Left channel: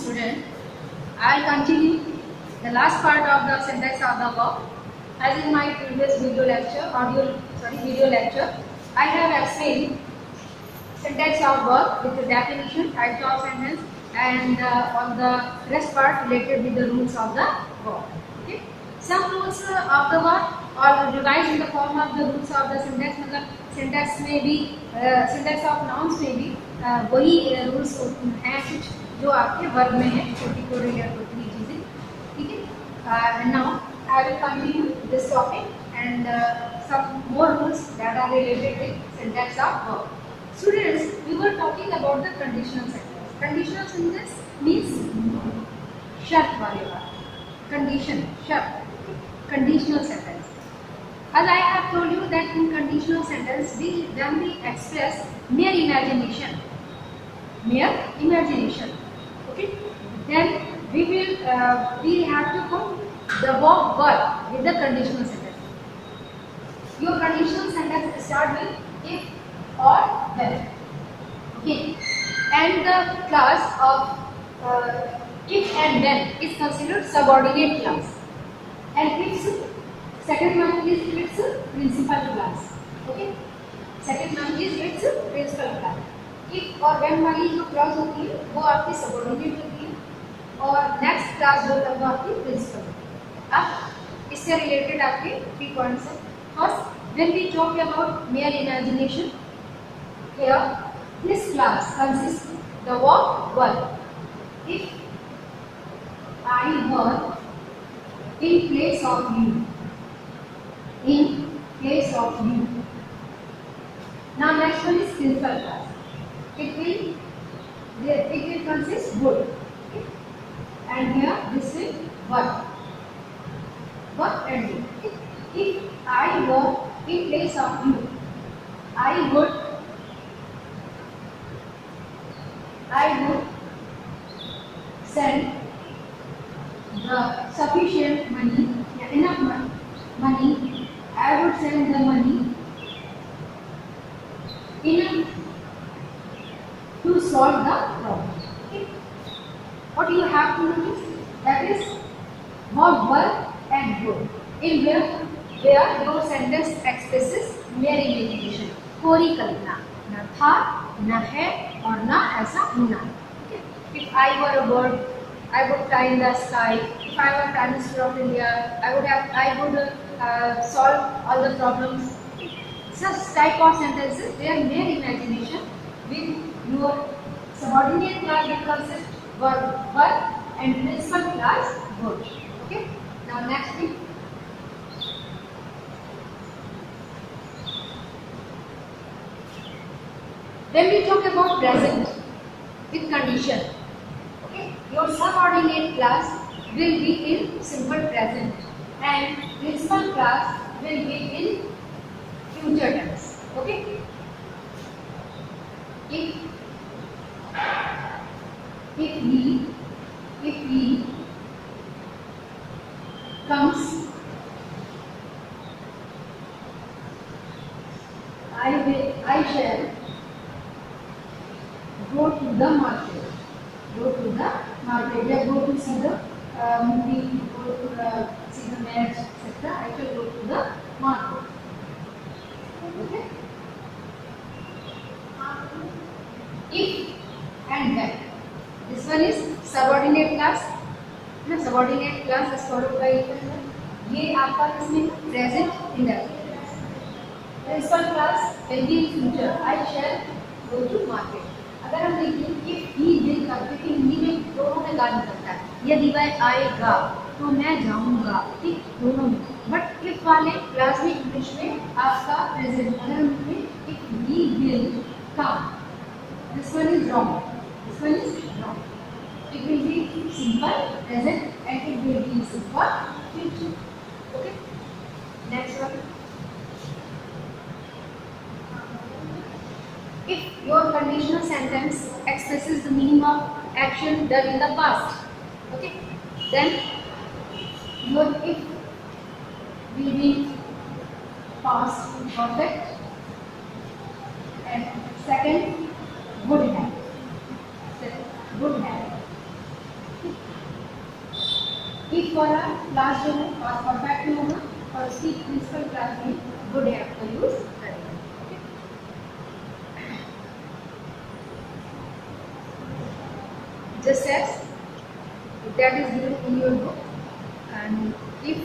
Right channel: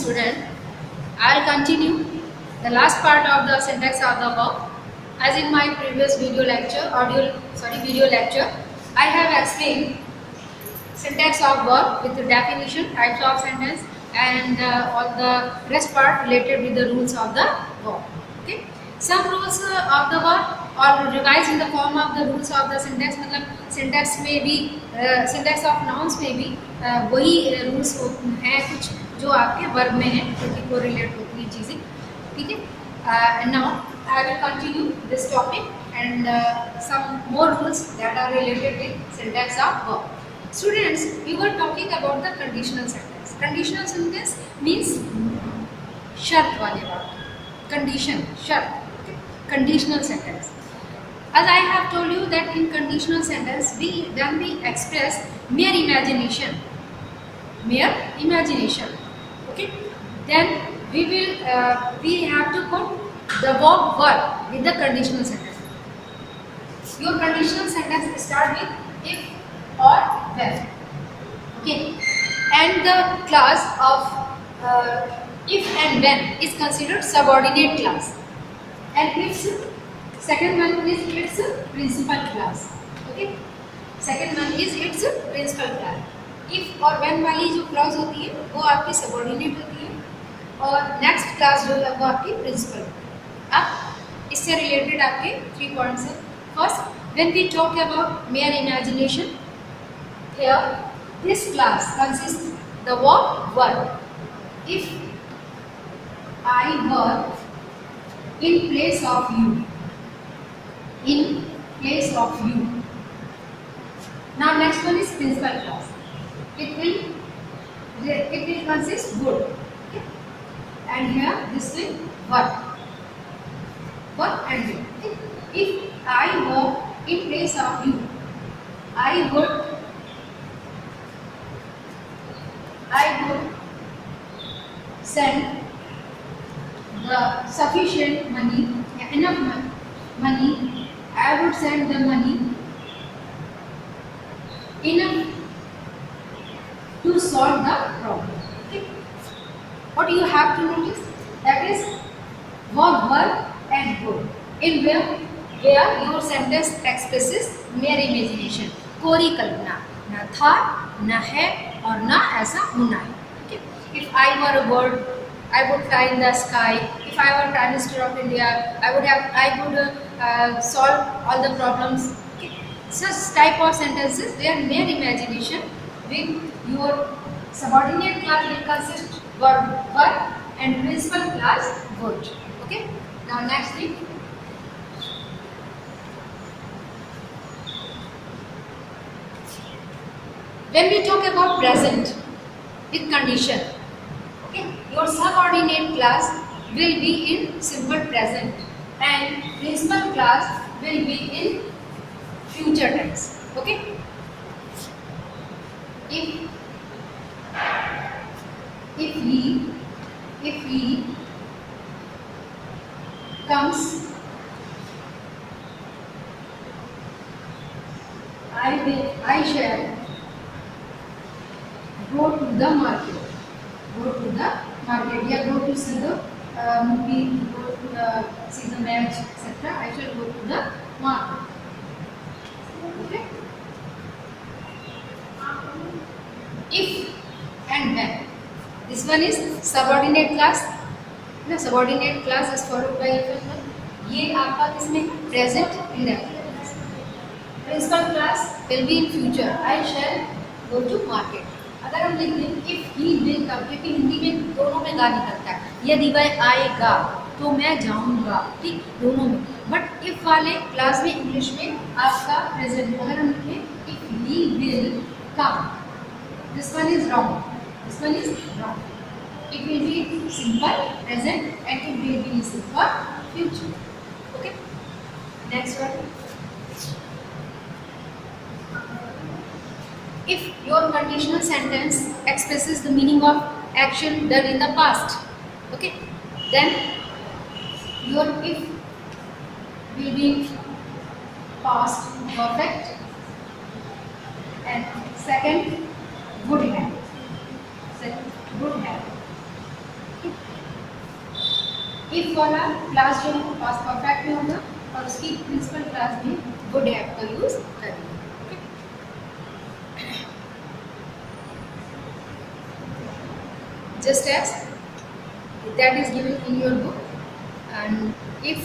student. I'll continue the last part of the syntax of the verb. As in my previous video lecture, I have explained syntax of verb with the definition, types of sentence, and all the rest part related with the rules of the verb. Okay. Some rules of the verb or revised in the form of the rules of the syntax. मतलब syntax में भी syntax of nouns में भी वही rules हैं कुछ जो आपके verb में हैं, क्योंकि correlate होती है चीजें. ठीक है. Now I will continue this topic and some more rules that are related with syntax of verb. Students, we were talking about the conditional sentence. Conditional sentence means शर्त वाले बात. Condition, शर्त. Conditional sentence. As I have told you that in conditional sentence we express mere imagination. Mere imagination. Okay. Then we have to put the verb with the conditional sentence. Your conditional sentence start with if or when. Okay. And the class of if and when is considered subordinate class. And its second one is its principal class. Okay. Second one is its principal class. If और when वाली जो clause होती है वो आपकी subordinate होती है और next class जो है वो आपकी principal. अब इससे related आपके 3 points हैं. First, when we talk about mere imagination, here this class consists the verb. If I were in place of you. In place of you. Now next one is principal class. It will consist would. Okay? And here this will verb. Verb and would. Okay? If I were in place of you, I would send the sufficient money, enough money. I would send the money enough to solve the problem. Okay. What you have to notice, that is verb and would, in where your sentence expresses mere imagination, कोरी कल्पना, न था, न है और न ऐसा होना है. Okay. If I were a bird, I would fly in the sky. If I were Prime Minister of India, I would solve all the problems. Such type of sentences, they are mere imagination. With your subordinate class will consist verb and principal class would. Okay. Now next thing. When we talk about present with condition, okay, your subordinate class will be in simple present and principal class will be in future tense. Okay. If he comes, I shall go to the market. Go to the market. Yeah, go to see the movie, go to see the match, etc. I shall go to the market. Okay. If and when. This one is subordinate class. No, subordinate class is followed by if and when. ये आपका किसमें है? Present indefinite. Principal class will be in future. I shall go to market. अगर हम लिख दें if he will come, क्योंकि हिंदी में दोनों में गा निकलता है. यदि वह आएगा तो मैं जाऊंगा. ठीक, दोनों में. बट if वाले क्लास में इंग्लिश में आपका प्रेजेंट. अगर हम लिखें if he will come, this one is wrong. This one is wrong. It will be simple present and it will be simple future. Okay. Next one. If your conditional sentence expresses the meaning of action done in the past, okay, then your if will be past perfect and second would have. If वाला class जो है past perfect में होगा और उसकी principal class में would have का use करेंगे। Just as that is given in your book, and if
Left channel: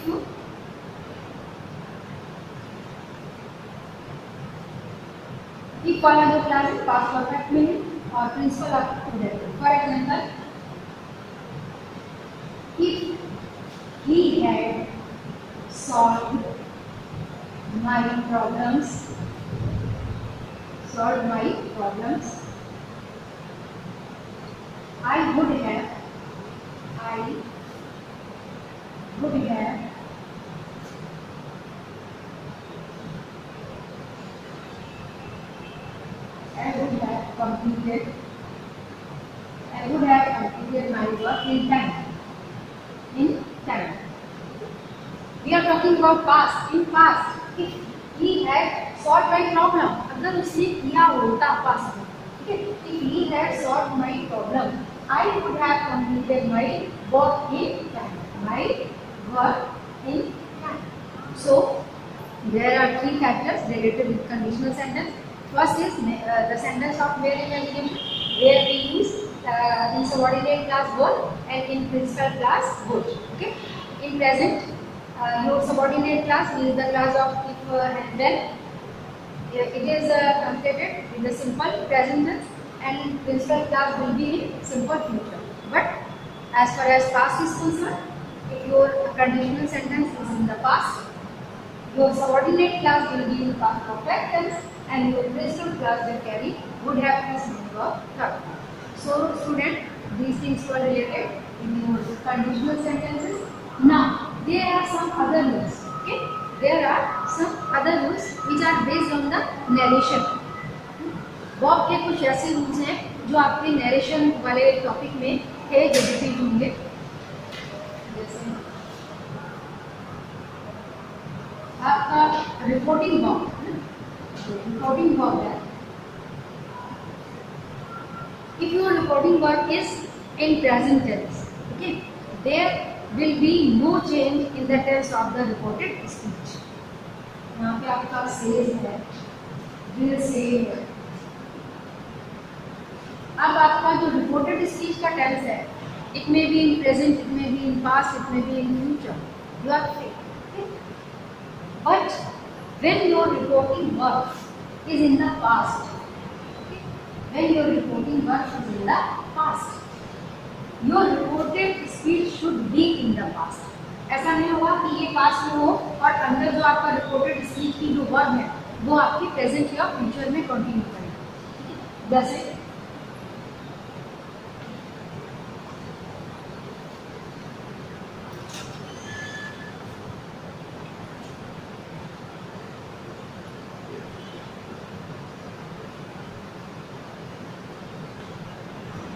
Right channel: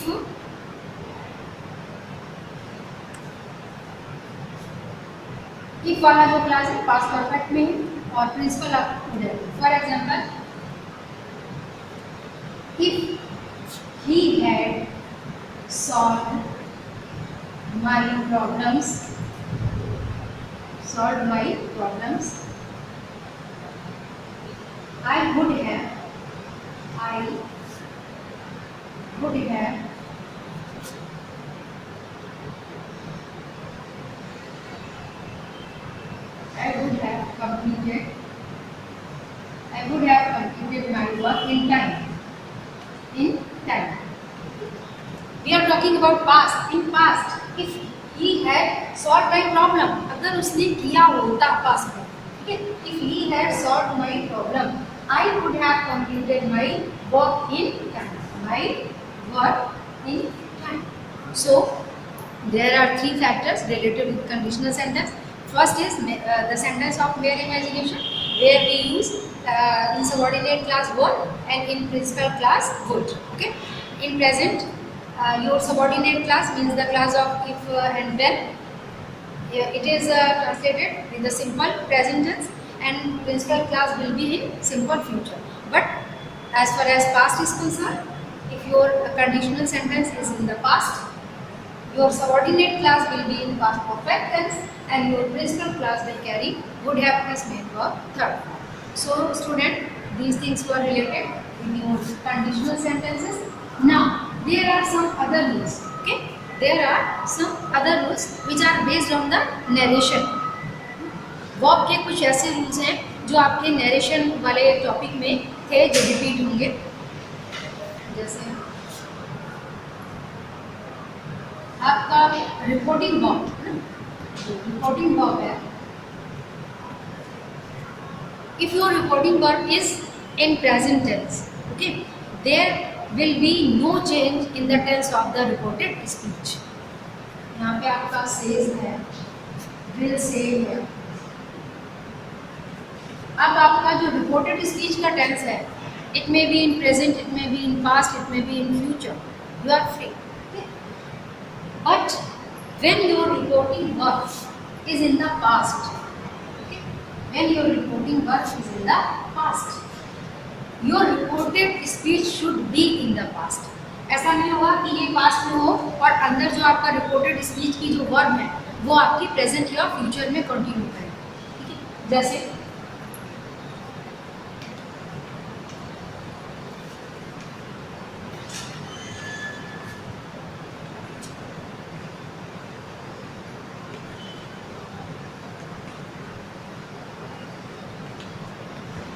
वाला जो क्लास है पास्ट परफेक्ट में है और प्रिंसिपल आपको खुद है। For example, if he had solve my problems I would have completed my work in time. We are talking about past. In past, if he had solved my problem, अगर उसने किया होता past में, okay? If he had solved my problem, I would have completed my work in time. So there are three factors related with conditional sentence. First is the sentence of mere imagination, where we use in subordinate class would and in principal class would. Okay. In present, your subordinate class means the class of if and when. It is translated in the simple present tense, and principal class will be in simple future. But as far as past is concerned, if your conditional sentence is in the past, your subordinate class will be in past perfect tense, and your principal class will carry would have plus main verb third. So student, these things were related in your conditional sentences. Now there are some other rules. Okay, there are some other rules which are based on the narration. Verb के कुछ ऐसे rules हैं जो आपके narration वाले topic में थे, जो रिपीट होंगे। जैसे आपका रिपोर्टिंग वर्ब है, if your reporting verb is in present tense, okay, there will be no change in the tense of the reported speech. यहाँ पे आपका says है, will say है। अब आपका जो रिपोर्टेड स्पीच का टेंस है, it may be in present, it may be in past, it may be in future, you are free. But when your reporting verb is in the past, when your reporting verb is in the past, your reported speech should be in the past. ऐसा नहीं होगा कि ये past में हो और अंदर जो आपका रिपोर्टेड स्पीच की जो वर्ब है वो आपकी प्रेजेंट या फ्यूचर में कंटिन्यू करें। जैसे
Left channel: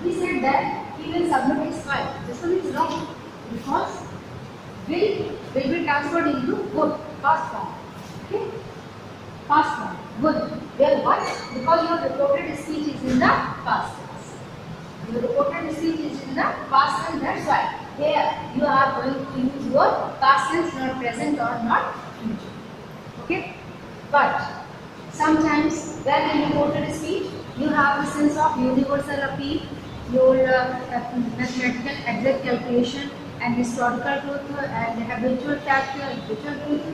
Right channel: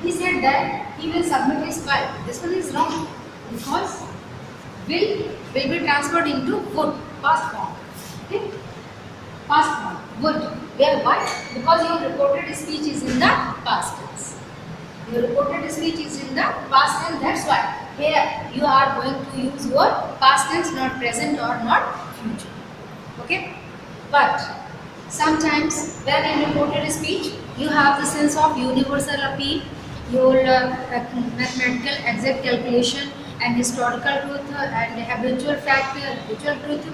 he said that he will submit his file. This one is wrong because will be transferred into would, past form. Okay, past form would. Where why? Because your reported speech is in the past tense. Your reported speech is in the past tense. That's why here you are going to use your past tense, not present or not future. Okay, but sometimes when in reported speech you have the sense of universal appeal, your mathematical exact calculation and historical truth and habitual fact, habitual truth.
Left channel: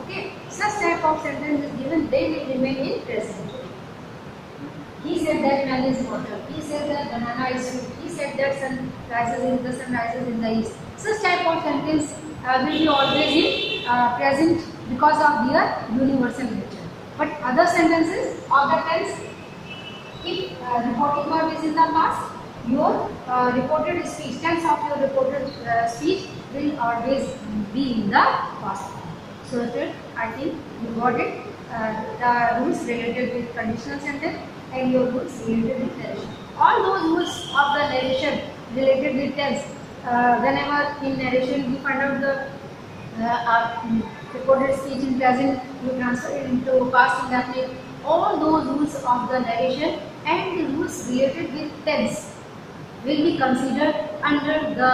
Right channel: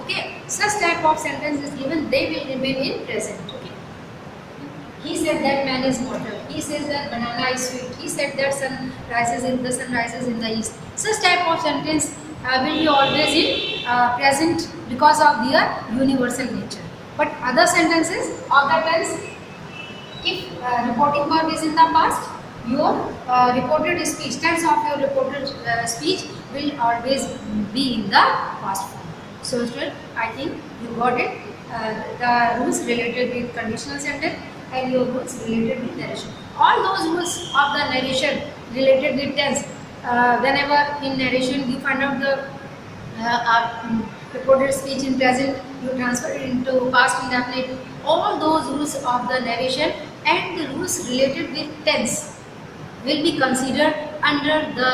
Okay, such type of sentence is given, they will remain in present. Okay, he said that man is mortal, he says that banana is sweet, he said that sun rises in the east. Such type of sentence will be always in present because of their universal nature. But other sentences of the tense, if reporting verb is in the past, your reported speech, tense of your reported speech will always be in the past form. So student, I think you got it, the rules related with conditional sentence and your rules related with narration. All those rules of the narration related with tense, whenever in narration you find out the reported speech in present, you transfer it into past indefinite. All those rules of the narration and the rules related with tense will be considered under the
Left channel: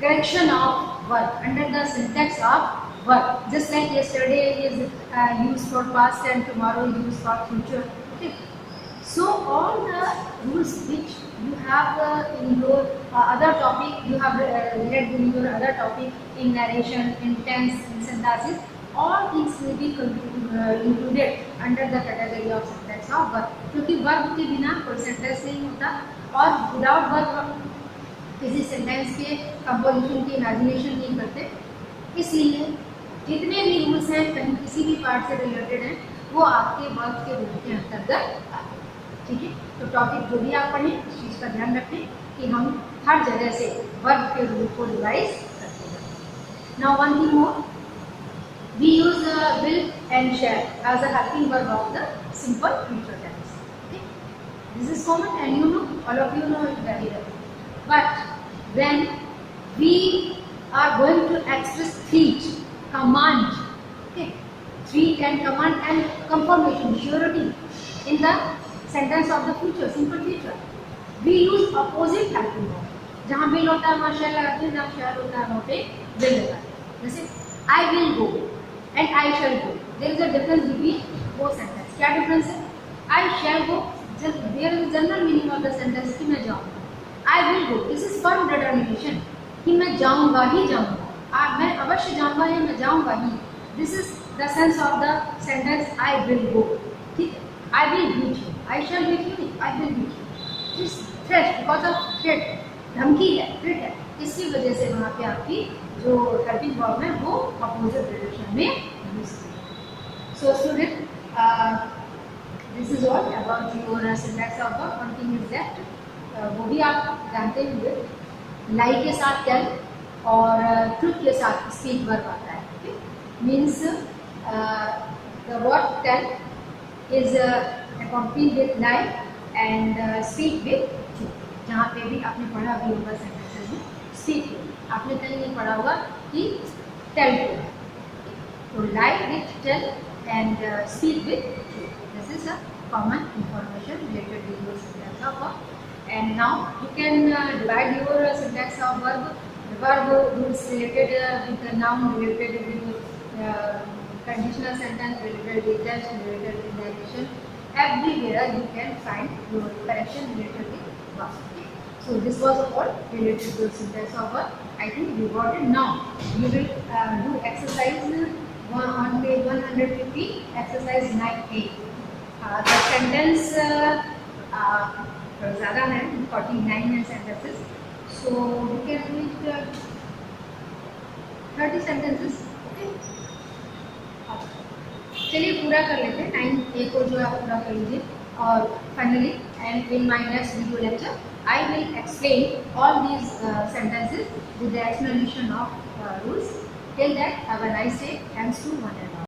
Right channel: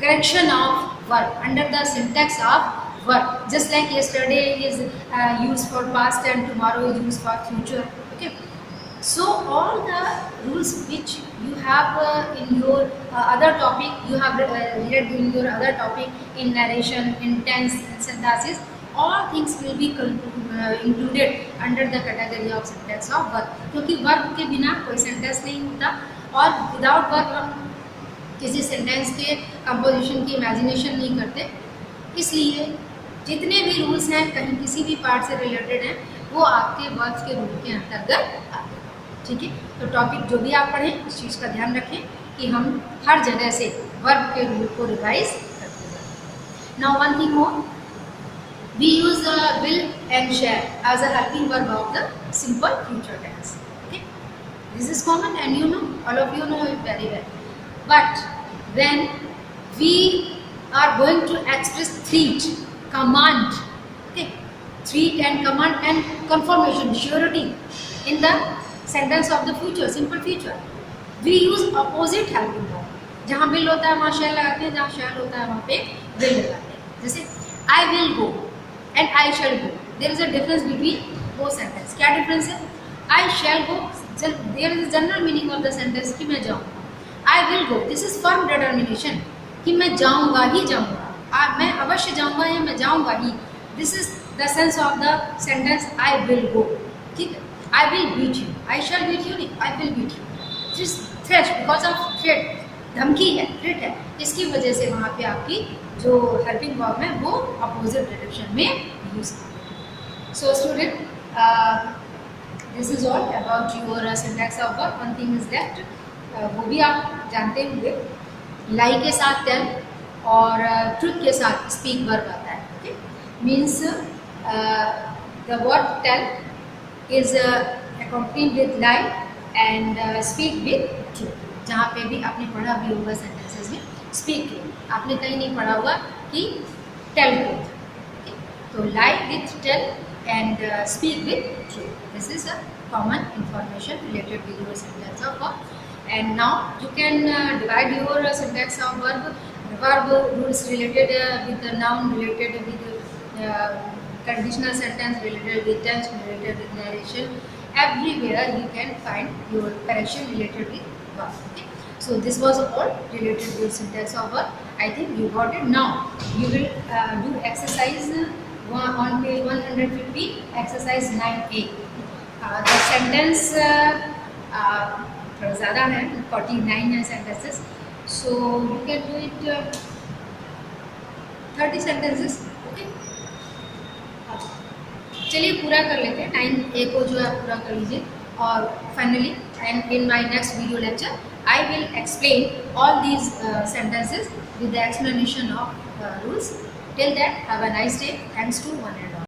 correction of verb, under the syntax of verb. Just like yesterday is used for past and tomorrow is used for future. Okay. So all the rules which you have in your other topic, you have read in your other topic, in narration, in tense, in synthesis, all things will be included under the category of syntax of verb. क्योंकि verb के बिना कोई sentence नहीं होता, और without verb हम किसी sentence के composition की imagination नहीं करते. इसलिए जितने भी rules हैं कहीं किसी भी part से related हैं, वो आपके verbs के रूप के अंतर्गत. ठीक है, तो टॉपिक जो भी आप पढ़ें इस चीज़ का ध्यान रखें कि हम हर जगह से वर्ब के रूल को रिवाइज करते हैं. Now one thing more, we use will and shall as a helping verb of the simple future tense. Okay, this is common and you know, all of you know it very well. But when we are going to express threat, command, okay, threat and command and confirmation, surety in the sentence of the future, simple future, we use opposite helping verb. जहाँ will होता है वहाँ shall लगाते हैं, जहाँ shall होता है वहाँ पे will लगाते हैं. जैसे I will go and I shall go, there is a difference between both sentences. क्या difference है? I shall go, there is a general meaning of the sentence कि मैं जाऊँगा. I will go, this is firm determination कि मैं जाऊँगा ही जाऊँगा, मैं अवश्य जाऊँगा या मैं जाऊँगा ही. This is the sense of the sentence I will go. ठीक है, I will beat you, I shall beat you, I will beat you. This threat, because of threat, धमकी है, threat है, इसकी वजह से वहाँ पे आपकी जो हेल्पिंग वर्ब है वो अपोजिट डायरेक्शन में यूज करें. So student, this is all about your syntax of verb. One thing is left, वो भी आप जानते होंगे, लाई के साथ टेल और ट्रुथ के साथ स्पीक वर्ब आता है. Okay, means the verb tell is accompanied with lie and speak with truth. जहाँ पे भी आपने पढ़ा भी होगा sentences में speak truth, आपने कहीं नहीं पढ़ा होगा कि tell truth. Okay? तो lie with tell and speak with truth. This is a common information related with your syntax of verb. And now you can divide your syntax of verb. Verb rules related with the noun, related with conditional sentence, related with tense, related with narration. Everywhere you can find your correction related with verb. Okay? So this was all related with syntax of verb. I think you got it. Now you will do exercise on page 150, exercise 9A. The sentence थोड़ा ज़्यादा है, 49 है sentences. So you can do it 30 sentences. Okay? चलिए पूरा कर लेते हैं. 9A को जो आप पूरा कर लीजिए. और finally, and in my next video lecture I will explain all these sentences with the explanation of rules. Till that, have a nice day. Thanks to one and all.